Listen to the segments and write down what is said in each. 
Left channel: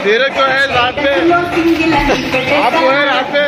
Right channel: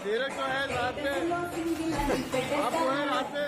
तेरे को है रात पे आपको है रात पे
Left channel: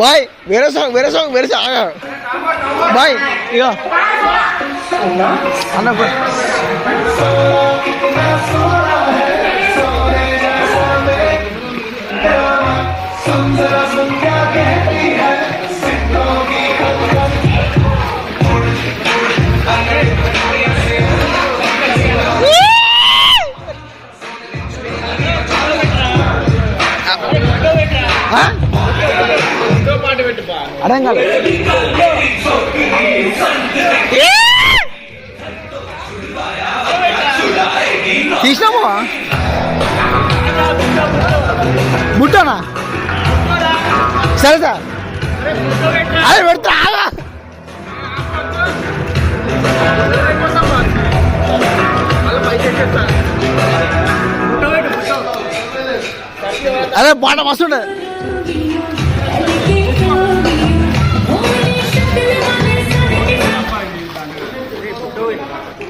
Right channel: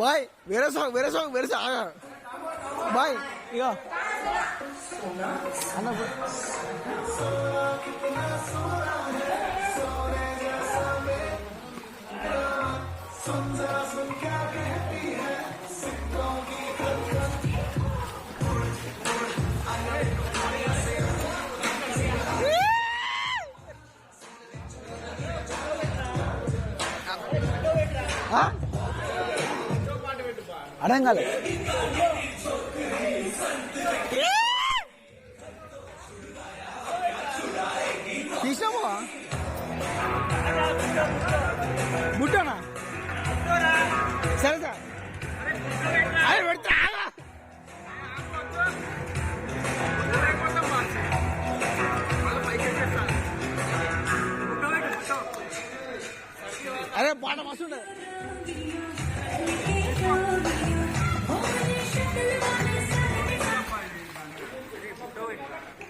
Bye, very song, bye, yeah. Huh? అర్థం కాదు తీసినామా బుట్టనా సరే సార్ అదే పెడతా అదే పాట మస్తుండే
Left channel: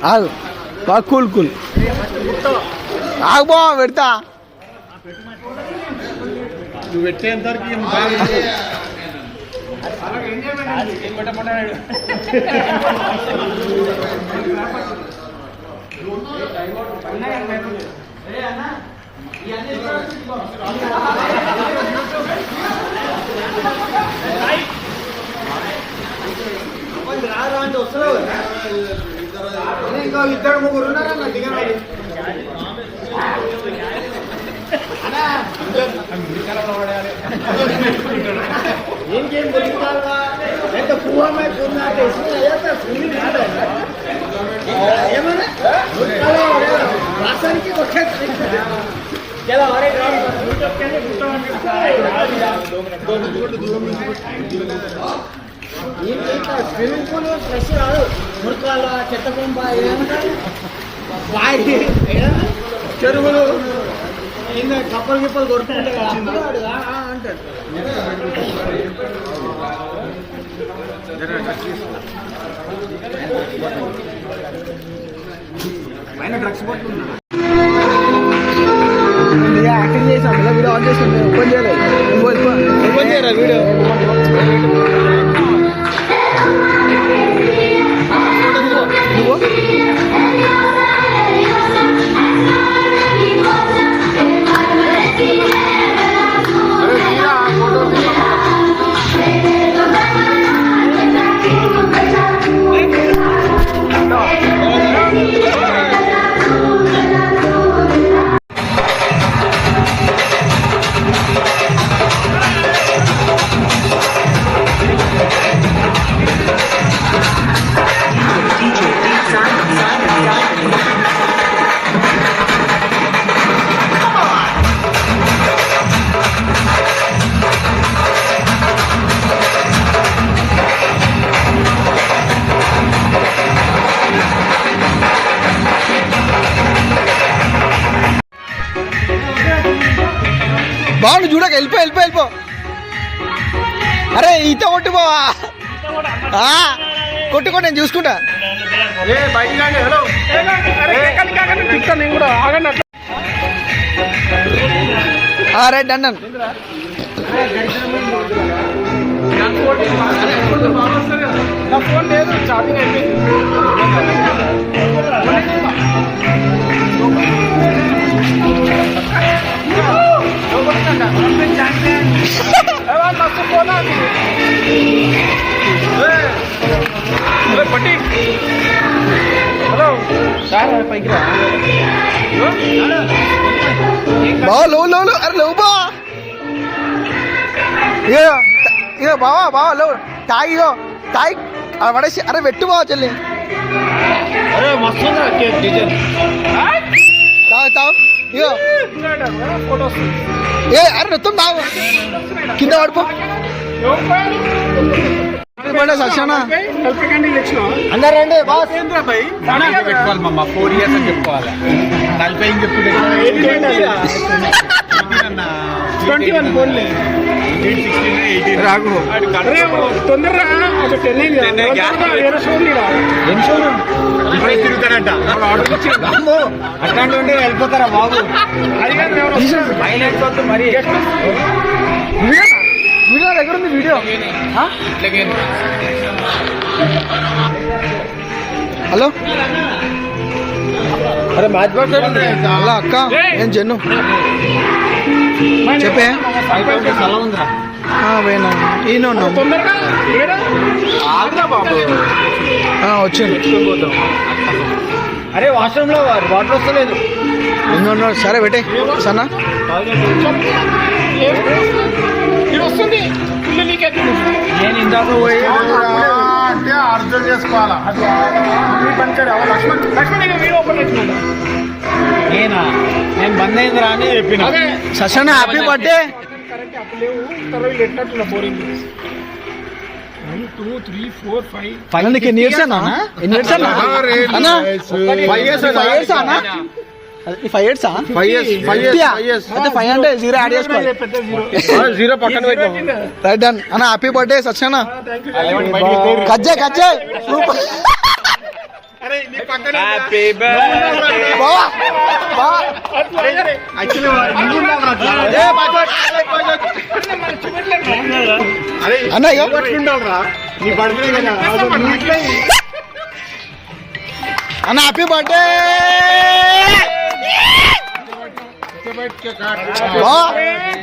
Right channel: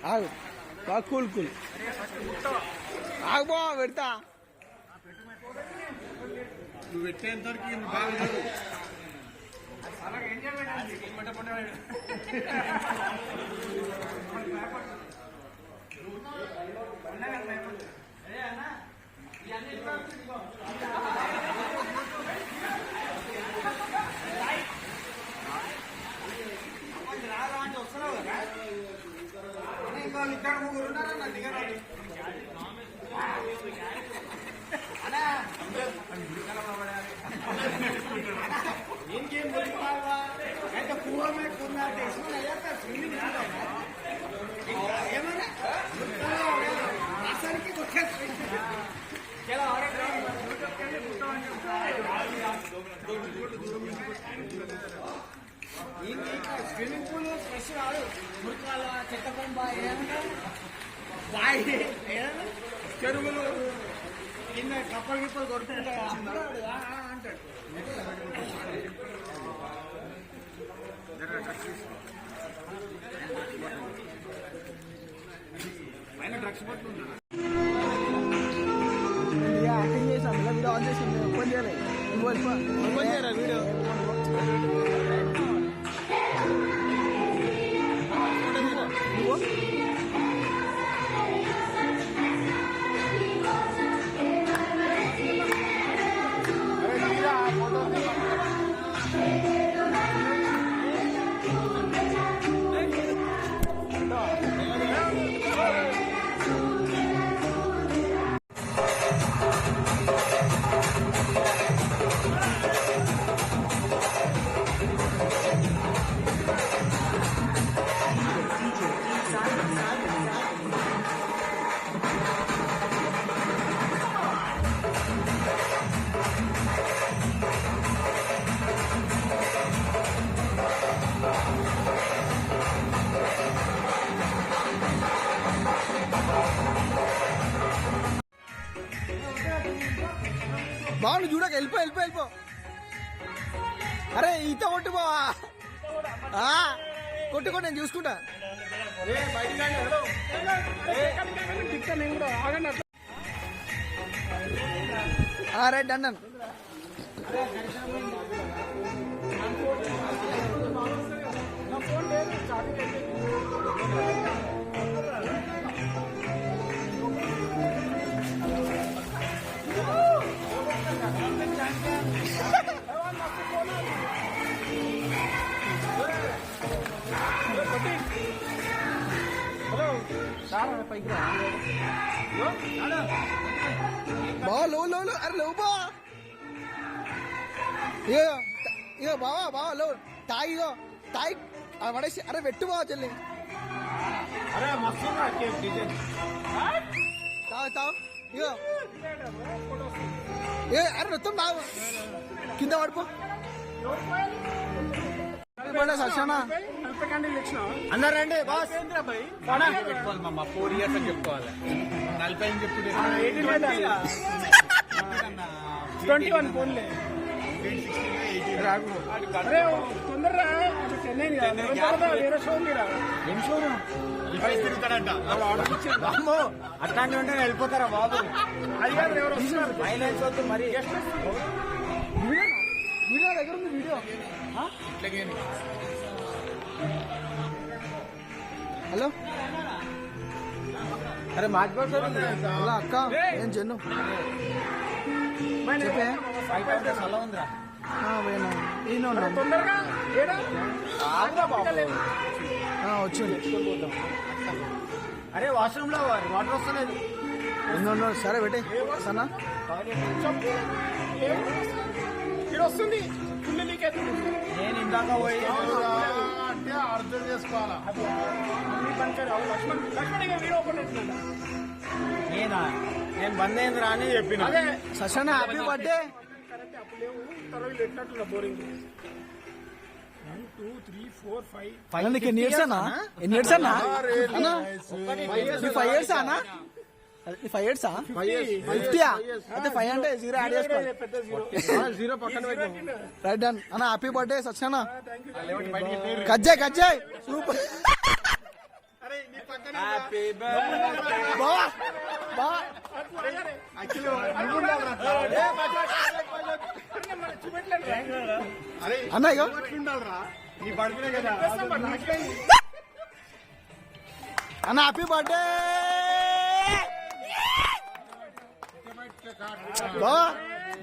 ఆగు కూల్ ఆగు బా పెడతా నువ్వు పెట్టేంతవరకు ఇంకా ఇద్దరు ముగ్గురు ఉన్నారన్న దిగనాడు ఇంకేం దొరుకుతారా ఎంత పూహమే ఏమన్నా రాష్ట్రానికి స్విమ్మింగ్ పూల్ ఫ్రెష్ కాదు మురకాల చెత్త బొమ్మ వాయి చెరువులు ఇంకా కప్పలు గిప్పలు కొడుతుంటే అంటాడు పైన డ్రగ్స్ పట్టుకున్నా యాక్టింగ్ చేసాం ఇలా వీడియో ఆన్ చేసాం ఓపెన్ చేయలేదు ఓపెన్ చేయరా వీడియో బాగుండు చూడక వెళ్ళిపో అరే ఈత కొట్టుకోవా కొట్టుకో నేను చూసుకుంటా బయట రైట్ డన్ డన్. నా ఫోన్ లేదు, ఛార్జింగ్ అయిపోయింది. మస్తు ఫోన్ పట్టి. హలో సార్ పైకి రా. బావా లో లో లో అరే లేవు బా. ఇగో బావా బావా లో తాగి ఇగో తాగి అది పడేసి అరే పెట్టు బావా చెల్లి. అరే మస్తు డిజైన్. తాగు తాగు ఇగో ఫోటోస్ ఏ అరే మొత్తం తాగు కింద పడిపో. సక్షణ అందరండి బాస్ పెట్టుకోవాలి మమ్మ 4 years అని చెప్పుకోవాలి. 40 అని చెప్పుకుంటే 21 ఫోన్లే రాగు తొందరగా తిరుగుతాడంట. అట్లాంటి ఉంటే వెళ్ళిపోతారా బాబు? మరి వీడియో దగ్గర ఉంది వీడియో. హలో అరే మ్యాచ్ బాక్స్ హలో అక్క నేను జన్ను చెప్పే పోయినా ఈయన ఉన్నాం వచ్చింది. అరే వాష్రూమ్ లో వాటర్ వస్తలేదు. ఉన్నాడు సరే పెట్టే సన్నా వస్తుంది. నేను ఇందాక పోయి అంటే అర్థం చేసుకోవాలా. నేనా నేను బంద్ అయింది రా అని చెప్పిన. సశన హ్యాపీ బర్త్డే. నీకు ఎన్ని ఇయర్స్ అన్నా? ఎన్ని ఇయర్స్ అన్నా? అన్నా 5 years అన్నా? 5 years అయితే 5 అంటే 0 యాడ్ చేసుకోవాలి. 0 పక్కన పెట్టాం. రైట్ డన్ అన్న హ్యాపీ బర్త్డే సత్యన. కజ్జే కజ్జే సూపర్. అన్న అన్న హ్యాపీ బర్త్డే.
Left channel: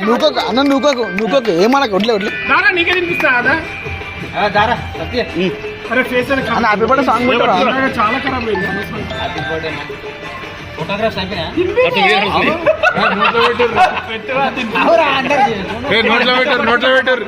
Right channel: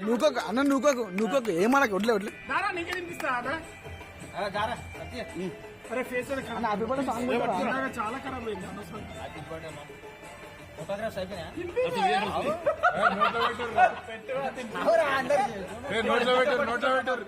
నూకోకు అన్న నూకోకు నూకోకు ఏమనకు వడ్లే వడ్లే నీకే తినిపిస్తా అరే ఫేస్ అన్న హ్యాపీ బర్త్డే సాంగ్ పెట్టరా? చాలా ఖరాబ్ అయింది. ఫోటోగ్రాఫ్స్ నోట్లో పెట్టారు.